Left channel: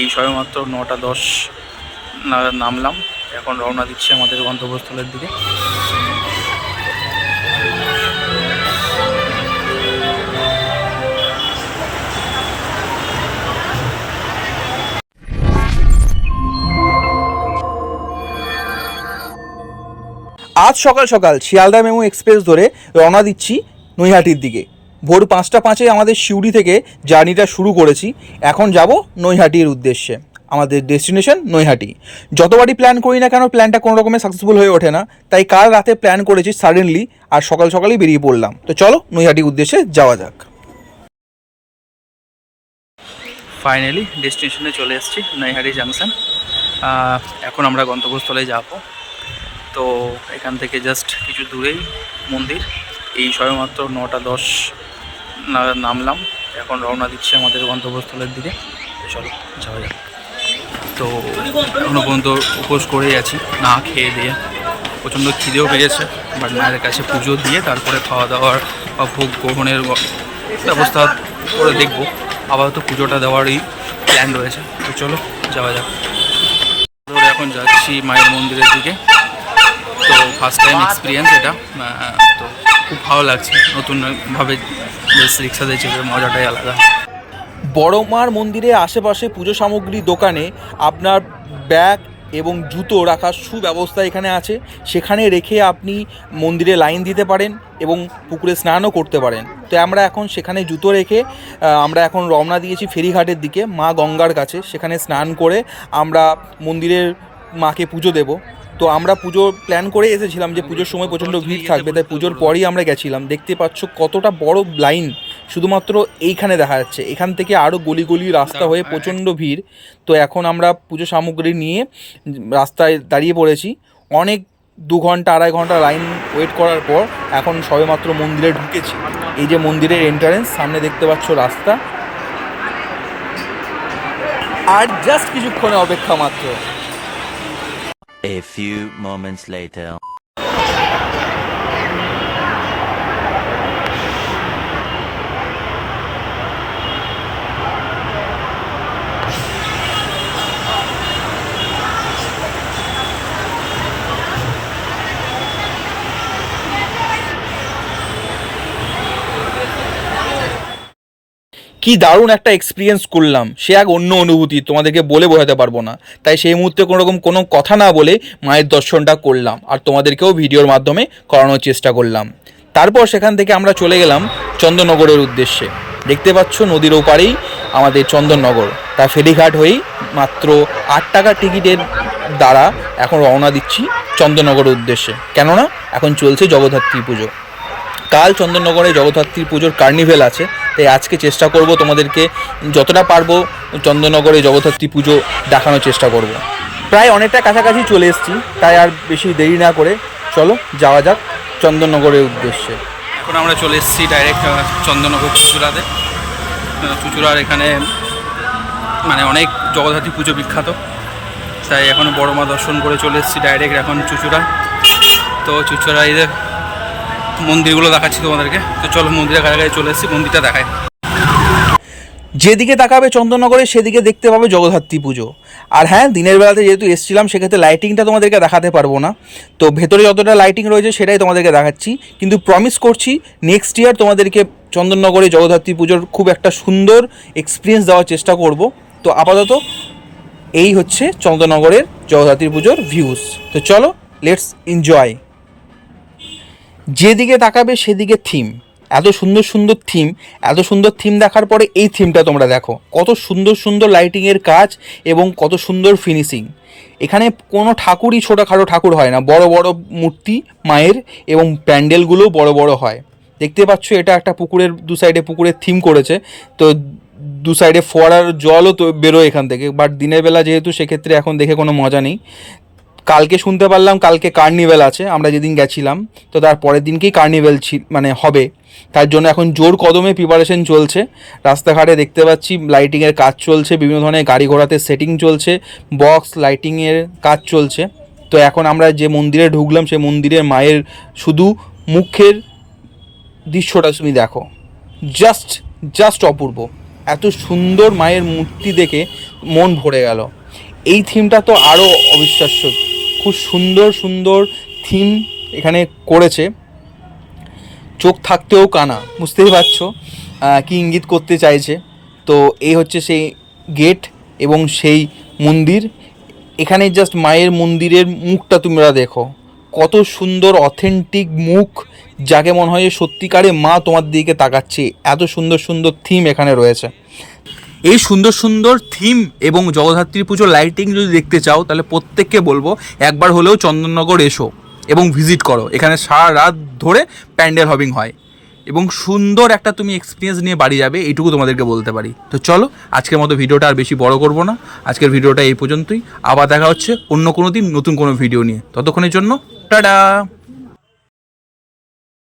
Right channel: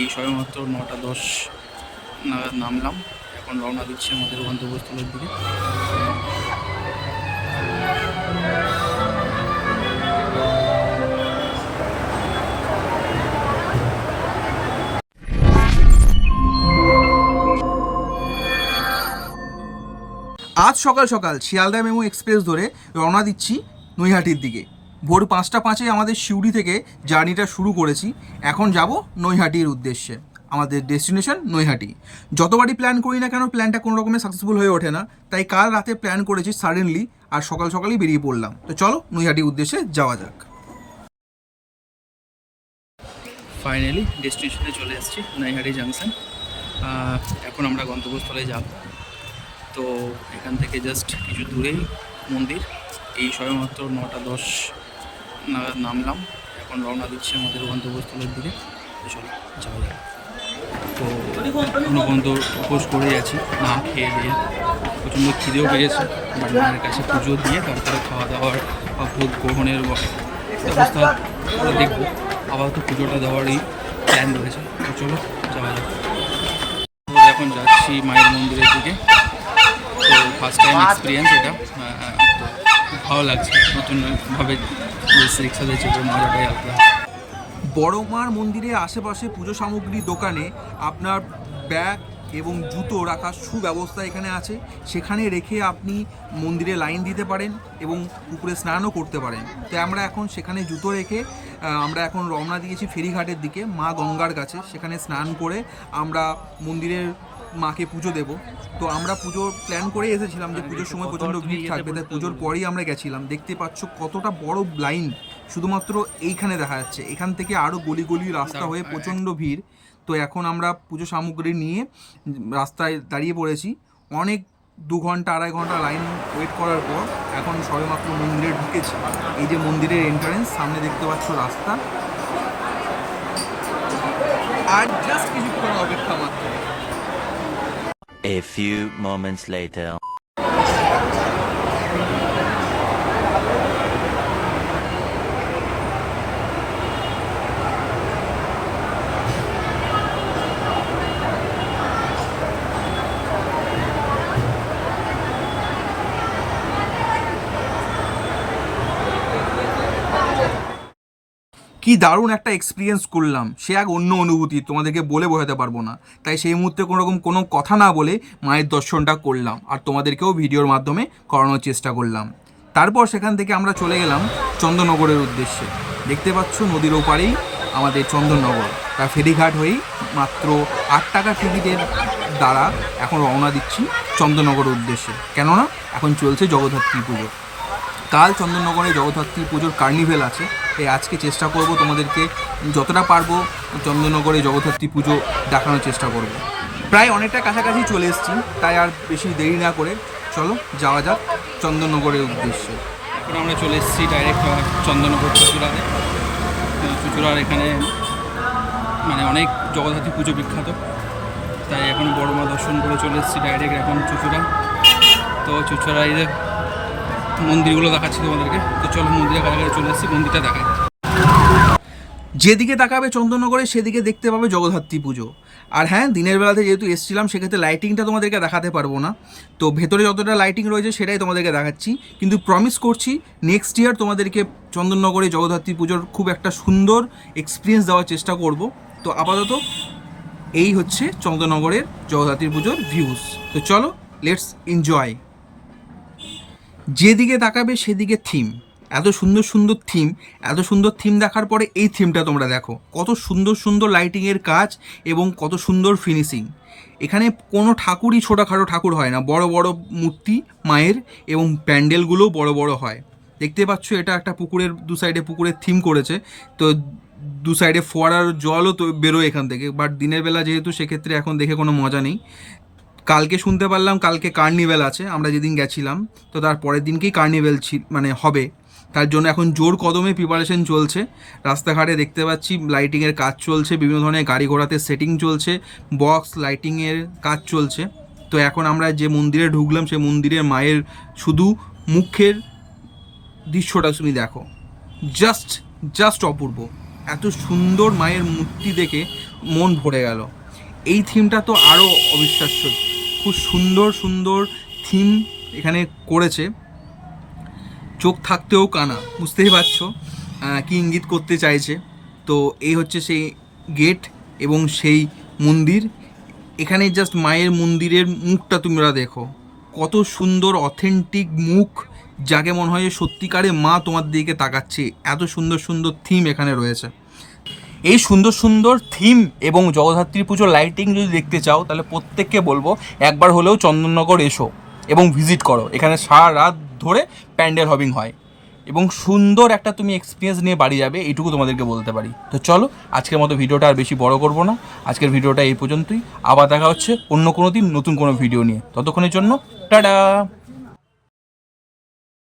এই সবেমাত্র 9টা 10 নামলাম। এখন রওনা দিচ্ছি আমাদের গন্তব্যস্থলের দিকে। আজ সকাল সকাল শিয়ালদা মেমু এক্সপ্রেস ধরে রওনা দিচ্ছি নৈহাটির দিকে। ভোর 5টা 5 আমাদের সিউড়ি থেকে জার্নিটা শুরু করেছি। এখন যাব নৈহাটির উদ্দেশ্যে। আমাদের ডেস্টিনেশন নৈহাটি। যতবারই প্ল্যান করি না কেন প্ল্যানটা কোনো রকমের সাকসেসফুল হয়ে ওঠে না, তাই কাল রাতে প্ল্যান করেছি সাডেনলি, আর সকাল সকালই বেরিয়ে পড়লাম। তো চলো নৈহাটির উদ্দেশ্যে যাওয়া যাক। ফাইনালি ডেস্টিনেশনে চলে এসেছি, নৈহাটি জাংশন। এখন আমরা গন্তব্যস্থলে যাব। তো এখান থেকে জাস্ট কিছু দূরেই মন্দির। এই সবেমাত্র 9টা 10 নামলাম। এখন রওনা দিচ্ছি আমাদের গন্তব্যস্থলের দিকে। তো চলো যাওয়া যাক। তো এখনও পর্যন্ত উপোস করেই আছি, না খেয়ে দিয়ে। প্রচণ্ড খিদেও পেয়েছে, বাট মায়ের কাছে পুজো দিয়ে তারপরে খাওয়া দাওয়ার বা ভোগ গ্রহণের ব্যবস্থা করে দেখব। আপাতত পুজোটা দেওয়ারই প্ল্যান রয়েছে। তো চলো যাওয়া যাক। তো এখন যাচ্ছি মায়ের মন্দিরের দিকে। তো ফার্স্ট টাইম এক্সপিরিয়েন্স এটা, তো খুব ভালো লাগছে। নতুনভাবে বেশ রিক্সাতে চেপে মজাটাই আলাদা। বড় মার মন্দিরের আশেপাশে পুজো সামগ্রীর দোকানে আপনার ব্যাগ এবং জুতো রাখার সুব্যবস্থা এখানে আছে। সেখানে রেখে আপনি মন্দিরে লাইন দিতে পারেন এবং পুকুরে স্নানও করতে পারেন। তো আমরা এখন সেখানে জুতো রেখে আমরা এখন রওনা দিয়েছি ফেরিঘাটের দিকে, মা গঙ্গার কাছে। সেখানে স্নান করে আমরা মন্দিরের মাকে পুজো দেব। তো আমরা পুজো প্ল্যান করে এসেছিলাম যে পুজোর সময় প্রচণ্ড ভিড় থাকবে, তাই পুজোর পরই আমরা গেছিলাম। দেখতে পাচ্ছ কতটা বড় লাইন শুধুমাত্র এইখানে দেখা যাচ্ছে। এখান থেকে আরও গলি গলি রাস্তা হয়ে প্রচণ্ড ভিড়। তো এখন আমরা পুজো সামগ্রী নিয়ে রাস্তায় দাঁড়িয়ে পড়েছি। অনেক 2 ঘন্টা 2.5 ঘন্টা লাইন ওয়েট করার পর এখন সবেমাত্র মন্দিরে ঢুকেছি। এই যে মন্দিরের এন্ট্রান্স, সামনে দেখতে পাচ্ছ রাস্তা। আর জাস্ট কিছুক্ষণে অপেক্ষা মাত্র। A few moments later. কি দারুণ একটা এক্সপিরিয়েন্স করলাম, সে এক অন্য অনুভূতি, তোমাদেরকে বলে বোঝাতে পারবো না। তাই সেই মুহূর্তে কোনো কথা না বলে মায়ের দর্শনটা করলাম, আর তোমাদেরকেও ভিডিওর মাধ্যমে করানোর চেষ্টা করলাম। তারপর সেখান থেকে আমরা চলে গেলাম চন্দননগরের উদ্দেশ্যে। দেখতে পাচ্ছ নদীর ওপারেই আমাদের চন্দননগর। তা ফেরিঘাট হয়েই মাত্র 8 টাকা টিকিটের দ্বারা এখন রওনা দিচ্ছি চন্দননগরের উদ্দেশ্যে। কেননা এখন চলছে জগদ্ধাত্রী পুজো। কাল চন্দননগরে জগদ্ধাত্রী পুজোর কার্নিভেল আছে, তাই আজকে চেষ্টা করব তোমাদেরকে যতটা পারবো চন্দননগরে জগদ্ধাত্রী পুজো দেখানোর চেষ্টা করব। প্রায় অনেকটা কাছাকাছি চলে এসেছি, তাই আর বেশি দেরি না করে চলো যাওয়া যাক চন্দননগরের উদ্দেশ্যে। এখন আমরা চলে এসেছি ডাইরেক্ট চন্দননগর চুঁচুড়াতে। চুঁচুড়ার এখানে মানে অনেক জগদ্ধাত্রী পুজো বিখ্যাত, তাই এখন বড় মা দর্শন করে চলে এসেছি ডাইরেক্ট এখন চুঁচুড়া। তো চুঁচুড়া এদের মন্দিরগুলো দেখাচ্ছি তোমাদেরকে। তো চলো মন্দিরের কাছাকাছি চলে এসেছি, মন্দিরটা দেখায়। যেদিকে তাকাবে চন্দননগরে সেদিকে দেখতে পাবে জগদ্ধাত্রী পুজো। আর হ্যাঁ, দিনের বেলাতে যেহেতু এসেছিলাম সেক্ষেত্রে লাইটিংটা তোমাদেরকে দেখাতে পারবো না। তো ভেতরে যতটা লাইটিং রয়েছে সেটাই তোমাদেরকে দেখাচ্ছি, কিন্তু প্রমিস করছি নেক্সট ইয়ার তোমাদেরকে চন্দননগরে জগদ্ধাত্রী পুজোর খুব একটা সুন্দর এক্সপিরিয়েন্স দেওয়ার চেষ্টা করব। তো আপাতত এই হচ্ছে চন্দননগরের জগদ্ধাত্রী পুজোর ভিউজ। তো চলো লেটস এনজয়। যেদিকে তাকাবে সেদিকে থিম, এত সুন্দর সুন্দর থিম। এত সুন্দর থিম দেখার পরে এই থিমটা তোমরা দেখো, কত সুন্দর সুন্দর লাইটিংয়ের কাজ এবং কত সুন্দর ফিনিশিং। এখানে কোনো ঠাকুরই ছোটোখাটো ঠাকুর হয় না, বড় বড় মূর্তি মায়ের, এবং প্যান্ডেলগুলোও বড় বড় হয়। দেখতে পাচ্ছ এটা একটা পুকুরের দু সাইডে পুকুরের থিম করেছে। তো দু সাইডে ফোয়ারার জলও তো বেরোয় এখান থেকে, বাট দিনের বেলা যেহেতু সেক্ষেত্রে এখন দেখে কোনো মজা নেই। কালকে শুনতে পারলাম কালকে কার্নিভেল আছে, আমরা যেদিন গেছিলাম তো তার পরের দিনকেই কার্নিভেল মানে হবে। তার জন্য এখন জোর কদমে প্রিপারেশন চলছে। রাস্তাঘাটে দেখতে পাচ্ছি লাইটিংয়ের কাজ চলছে, বিভিন্ন ধরনের গাড়ি ঘোড়াতে সেটিং চলছে, বক্স লাইটিংয়ের কাজ চলছে। তো এখন আমরা যে মন্দিরে ঢুকলাম সেই মন্দিরের মায়ের শুধু মুখের দৃশ্যটা তুমি দেখো, জাস্ট অপূর্ব। এত সুন্দর মায়ের মূর্তি দেখে মন ভরে গেল। এই থিমটা তো আরও অবিশ্বাস্য, খুব সুন্দর সুন্দর থিম এখানে করেছে, চোখ থাকতেও কানা, বুঝতেই পারছো কী ইঙ্গিত করতে চাইছে। তো এই হচ্ছে সেই গেট এবং সেই মন্দির। এখানে জাস্ট মায়ের মন্দিরের মুখটা তোমরা দেখো, কত সুন্দর অথেন্টিক মুখ, যাকে মনে হয় যে সত্যিকারে মা তোমার দিকে তাকাচ্ছে। এত সুন্দর সুন্দর থিম এখানে রয়েছে। এই সুন্দর সুন্দর থিম এবং জগদ্ধাত্রী পুজোর লাইটিং যদি দেখতে চাও, তাহলে প্রত্যেককে বলবো একবার হলেও চন্দননগর এসো এবং ভিজিট করো। এখানে সারা রাত ধরে প্যান্ডেল হবিং হয় এবং সুন্দর একটা তুমি এক্সপিরিয়েন্স নিয়ে বাড়ি যাবে, এইটুকু তোমাদেরকে বলতে পারি। তো চলো, আজকের মতো ভিডিওটা আর বেশি বড় করব না, আজকের ভিডিওটা এই পর্যন্তই। আবার দেখা হচ্ছে অন্য কোনো দিন নতুন কোনো ভিডিও নিয়ে। ততক্ষণের জন্য টাটা।